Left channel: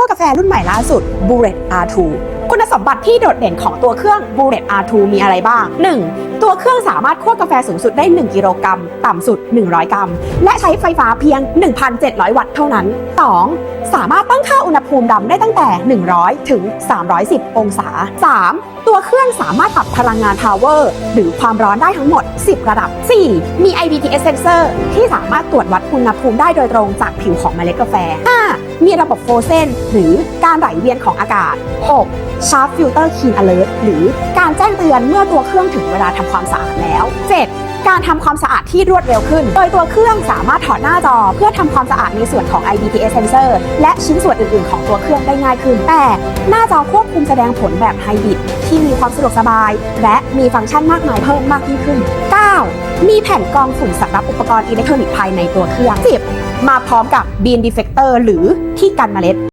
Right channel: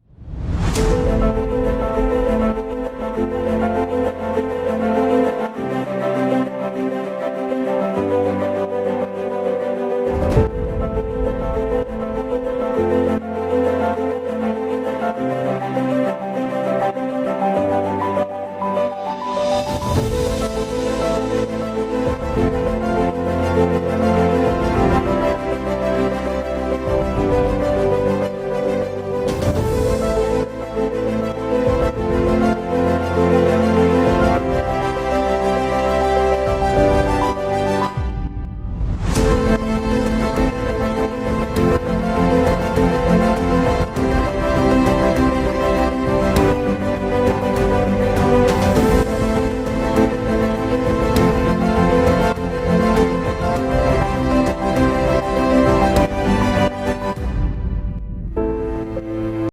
คั่วกาแฟรุ่นใหม่ล่าสุด Bullet R2 คุณสมบัติที่โดดเด่นของตัวเครื่อง Bullet R2 มีอะไรบ้าง 1. ตัวเครื่องสามารถคั่วกาแฟสูงสุดได้ 1 กิโลกรัม ต่ำสุด 100 กรัม และใช้ไฟฟ้าเพียง 1,700 วัตต์เท่านั้น 2. สามารถตั้งค่าอุณหภูมิดำได้ตั้งแต่ 100 ถึง 310 องศา 3. ตัวเครื่องสามารถปรับพลังงาน power หรือความร้อนได้ทั้งหมด 10 ระดับ 4. มี IPTS sensor ที่สามารถตรวจวัดอุณหภูมิได้โดยตรงจากผิวของเมล็ดกาแฟ 5. มีระบบโฟเซนหรือการไหลเวียนของอากาศ 6. Sharp Filter Clean Alert หรือการแจ้งเตือนเมื่อตัวเครื่องถึงเวลาทำความสะอาดแล้ว 7. การทำความสะอาดที่รวดเร็วขึ้น โดยตัวเครื่องสามารถถอดหน้าจอ เพื่อทำความสะอาดในส่วนของ IPTS sensor และชิ้นส่วนอื่น ๆ ของตัวเครื่องได้ง่ายขึ้น 8. หน้าจอควบคุมแสดงผลแบบไฮบริดที่มีความสะดวกสบาย และมีฟังก์ชันมากมายเพิ่มมากยิ่งขึ้น 9. ีแผ่นกรองฝุ่นสำหรับอุปกรณ์อิเล็กทรอนิกส์ภายในตัวเครื่อง 10. มาพร้อมกับบีนดีเฟกเตอร์หรือที่กันเมล็ด